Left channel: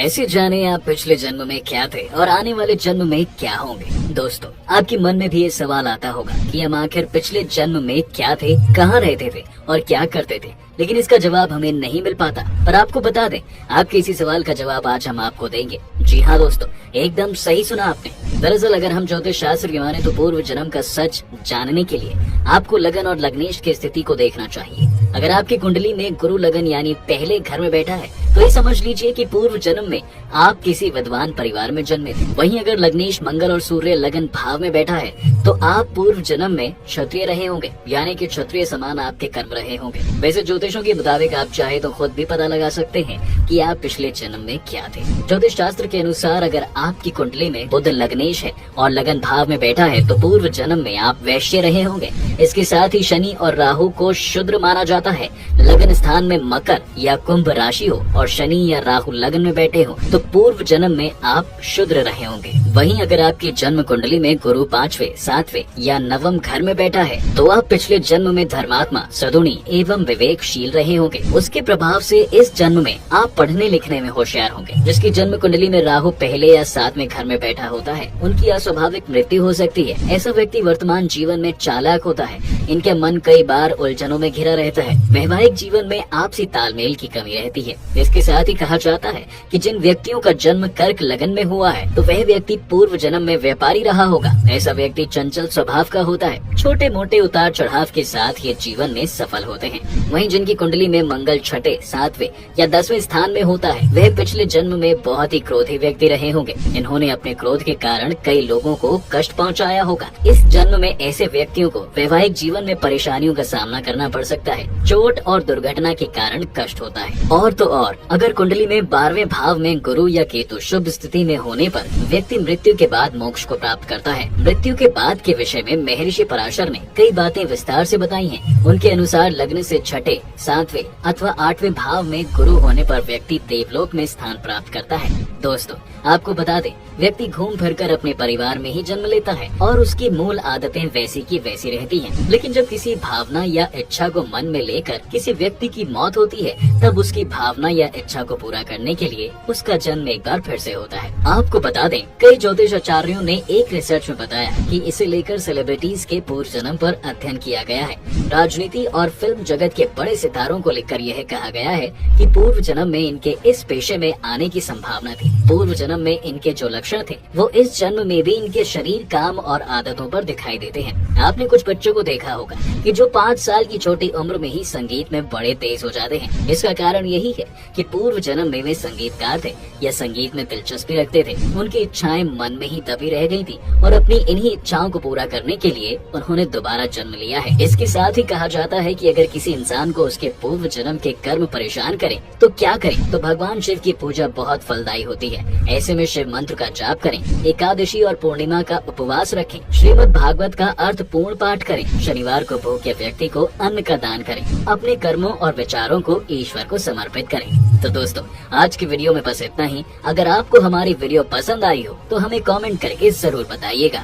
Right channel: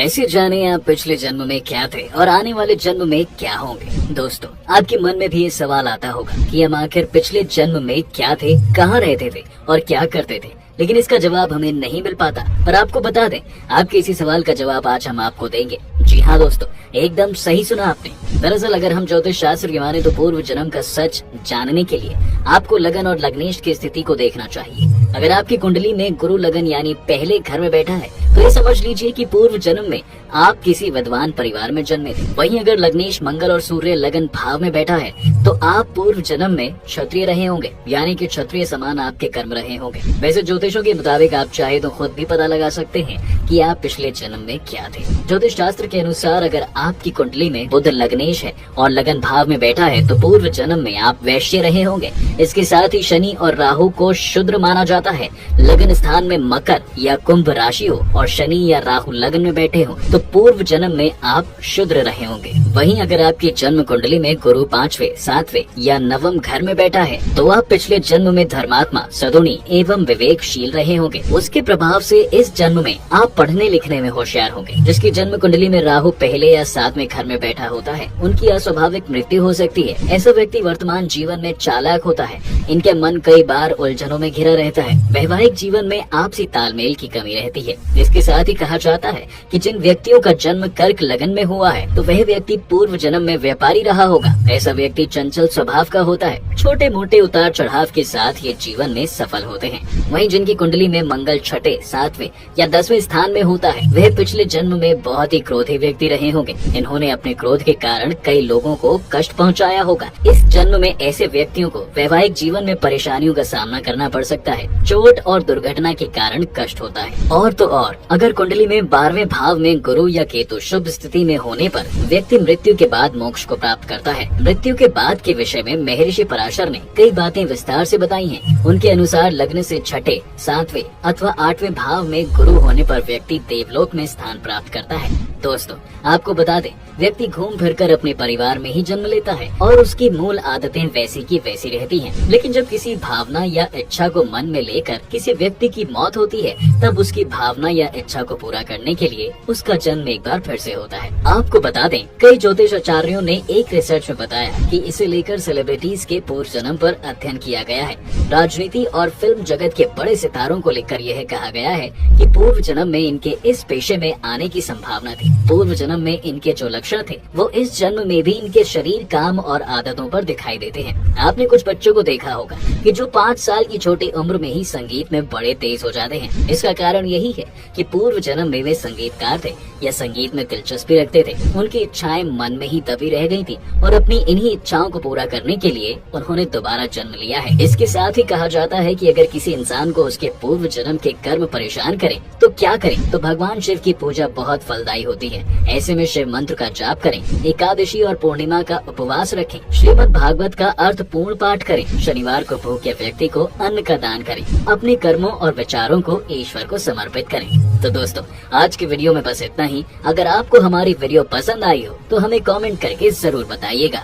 ऐसे जाने आप पिछले जन्म में क्या थे और आने वाले जन्म में क्या होंगे। दोस्तों, आपके मन में भी ये सवाल आता होगा कि हम आखिर पिछले जन्म में क्या थे, कहाँ रहते थे और क्या करते थे, लेकिन इसका जवाब हमें नहीं मिल पाता। पर आपको बता दें, आपके इसी सवाल का जवाब आज हम आपको देंगे। जी हाँ दोस्तों, एकदम सही सुना आपने। दरअसल अगर हम ज्योतिष शास्त्र की माने तो पूर्व जन्म का सच जानने के लिए आपको लगन और लग्नेश की स्थिति को देखना चाहिए। अगर आपकी कुंडली में गुरु लगन यानी पहले घर में बैठा है तो ये समझ लीजिए कि पूर्व जन्म में आप किसी विद्वान परिवार में जन्मे थे। वहीं अगर लग्नेश मंगल और सूर्य लगन भाव में बैठा है तो आप पूर्व जन्म में क्षत्रिय रहे होंगे, यानी कि क्षत्रिय समान आपके कर्म रहे होंगे। वैसे ज्योतिषों के मुताबिक आप चाहे तो खुद भी पता लगा सकते हैं कि आप पिछले जन्म में क्या थे। ज्योतिष शास्त्र के अनुसार अगर आपकी कुंडली में बुध लग्नेश है और लगन भाव में बैठा है तो पूर्व जन्म में आप वैश्य रहे होंगे। इसके साथ ही शनि और राहु को शूद्र माना जाता है। लगन स्थान में मकर या कुंभ राशि हो और शनि या राहु लगन में बैठे हो तो पूर्व जन्म में आप शूद्र रहे होंगे। वहीं अगर आपकी जन्म कुंडली में गुरु 5वें, 7वें या 9वें घर में बैठा है तो आप पिछले जन्म में धर्मात्मा, सद्गुणी एवं विवेकशील रहे होंगे। उसके प्रभाव से इस जन्म में आप पढ़ने लिखने में होशियार होंगे। जिसकी जन्म कुंडली में राहु पहले या 7वें घर में बैठा होता है उनकी अस्वाभाविक मृत्यु हो सकती है। ऐसा व्यक्ति वर्तमान जीवन में चालाक होता है। इनके मन कई बार उलझनों में घिरा रहता है। वैवाहिक जीवन में आपसी तालमेल की कमी रहती है। इसके साथ ही कहा जाता है कि जिन व्यक्तियों का जन्म कर्क लगन में हुआ है तो वह व्यक्ति पूर्व जन्म में व्यापारी रहा होगा। ऐसा व्यक्ति चंचल स्वभाव का होता है। छोटे मोटे उतार चढ़ाव के साथ ये जीवन में सफल होते हैं। वहीं जिनकी कुंडली में मंगल 6ठे, 7वें या 10वें स्थान में होता है वह पिछले जन्म में बहुत ही क्रोधी व्यक्ति रहे होंगे। इन्होंने अपने क्रोध के कारण कई लोगों को कष्ट पहुंचाया होगा। इस जन्म में ऐसे व्यक्तियों को वैवाहिक जीवन में परेशानियों का सामना करना पड़ सकता है। चोट और दुर्घटना के कारण कष्ट होता है। और तो और अगर कुंडली में 12वें भाव में गुरु या केतु शुभ स्थिति में होने पर व्यक्ति मृत्यु के बाद मोक्ष को प्राप्त करता है। मृत्यु के बाद के विषय में महर्षि पराशर ने कई बातें विस्तार से बताई हैं। उनके अनुसार लग्न से 6ठे, 7वें अथवा 8वें भाव में गुरु होने पर व्यक्ति देवलोक में स्थान प्राप्त करता है। दोस्तों, आपको बता दें, व्यक्ति घूम फिर कर अपने परिवार में ही जन्म लेता है और उसकी मूल आदतें वैसी की वैसी रहती हैं। लेकिन जब किसी भावना या इच्छा को मन में लेकर किसी व्यक्ति की मौत होती है तब उसकी भावना या इच्छा को पूरा करने के लिए उसका जन्म एक बार फिर से होता है। आपको बता दें, कई ज्योतिष आचार्यों ने एक रिसर्च में बताया कि इसे लेकर सेलिब्रिटीज के पूर्व जन्म पर अध्ययन किया गया है। राजनीति और फिल्म जगत के बड़े सितारों को लेकर यह कहा गया है कि पूर्व जन्म में इनके इस पेशे में आने की संभावना थी। पूर्व जन्म में इनके जो लक्षण थे वो इस जन्म में भी इनके शरीर, काम और आदतों पर दिखाई देते हैं। आपने कुछ बच्चों को देखा होगा कि जो 5 साल की छोटी उम्र में ही संगीत में बड़े तेज हो जाते हैं। इसका कारण यही है कि पूर्व जन्म में वे संगीतकार थे या संगीत में दिलचस्पी रखते थे। उनकी इच्छाएं मन में ही दबी रह गई थी और अपनी इन्हीं इच्छाओं को पूरा करने के लिए उन्होंने दोबारा जन्म लिया है। इसके साथ ही कहा जाता है कि अगर किसी इंसान को उसके पूर्व जन्म के कर्म परेशान करें तो क्या करें, तो भगवान शिव की पूजा बहुत फलदायी होती है। ऐसे में शिव मंत्र का जाप करें, एकादशी और पूर्णिमा का उपवास रखें, श्रीमद् भागवत का अर्थ पूर्ण पाठ करें, शनिवार को भूखे व्यक्ति को अन्न का दान करें, अपने कर्मों और विचारों को ईश्वर को समर्पित करें। तो दोस्तों, आज की वीडियो में बस इतना ही। अगर आपको हमारी वीडियो पसंद आई हो तो हमें कमेंट करके जरूर बताइएगा।